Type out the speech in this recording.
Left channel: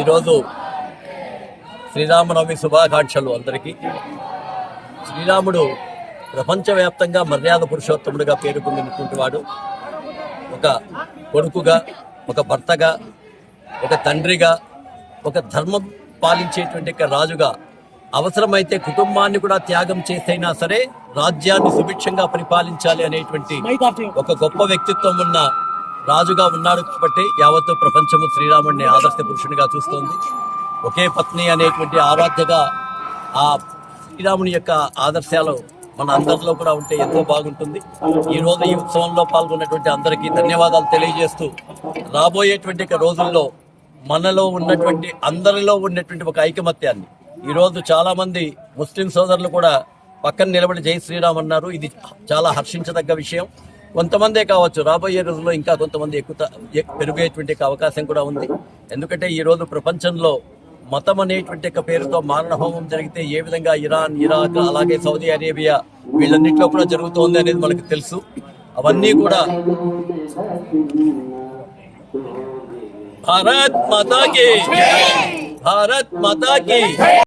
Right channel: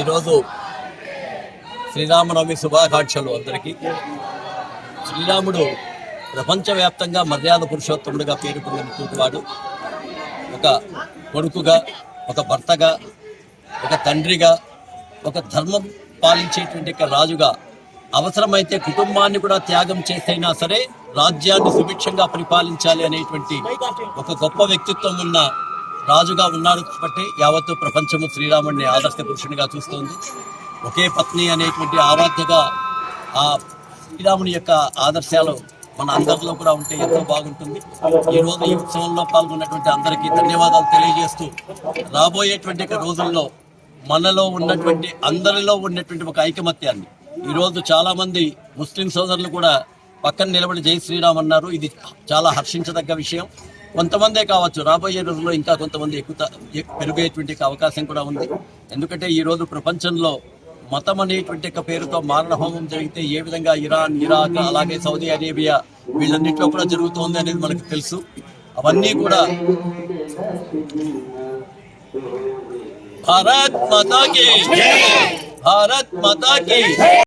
ఈరోజు శ్రీరామనవమి శుభాకాంక్షలు అందరికీ. శ్రీరాముడు ప్రపంచవ్యాప్తంగా మర్యాద పురుషోత్తముడిగా పేరు పొందినటువంటి వాడు. ఒక కొడుకుగా, ఒక భర్తగా, ఒక తండ్రిగా, ఒక ధర్మం పాలించేటువంటి రాజుగా, అవసరమైతే కుటుంబాన్ని కూడా త్యాగం చేసైనా సరే రాజ్యాన్ని సుభిక్షంగా పరిపాలించాలి అనేటువంటి ఒక గొప్ప వ్యక్తిత్వం ఉన్న రాజుగా ఉన్నాడు. కాబట్టి యావత్తు ప్రపంచము శ్రీరాముడిని ఆదర్శ పురుషునిగా చూస్తోంది. ఒకే పత్ని అనేటువంటి ఆరాధ్యగా ఆ శ్రీరాముని యొక్క ఆదర్శాలు మన అందరిలో కూడా ఉంటే ఎంతో బాగుంటుంది. ఈరోజు ఈ ఉత్సవంలో పాల్గొన్నటువంటి అందరికీ ధన్యవాదాలు తెలియజేస్తూ, రాబోయేటువంటి రోజుల్లో మనలో ఉన్నటువంటి అందరిలో ఉన్నటువంటి ఒక ఐకమత్యాన్ని ఈరోజు చాలామంది ముస్లిం సోదరులు కూడా పక్కన నిలబడి జై శ్రీరామ్ అన్నారు. ఇది చాలా హర్షించదగ్గ విషయం. కొంతమందే కావచ్చు, రాబోయే రోజుల్లో ఇంకా కొంతమంది పెరిగేటువంటి అవకాశం కూడా ఉంది. ఎందుకంటే ఈరోజు ప్రపంచంలో మతం అనేటువంటి పేరుతో మారణహోమం జరిగితే ఏ విధంగా ఇరాన్, ఇరాక్, అలాగే సౌదీ అరేబియా వీళ్ళన్నింటిలో కూడా జరుగుతోంది అనేది మనకు తెలుసు. అవన్నీ కూడా భారత్ మాతా కీ, భారత్ మాతా కీ.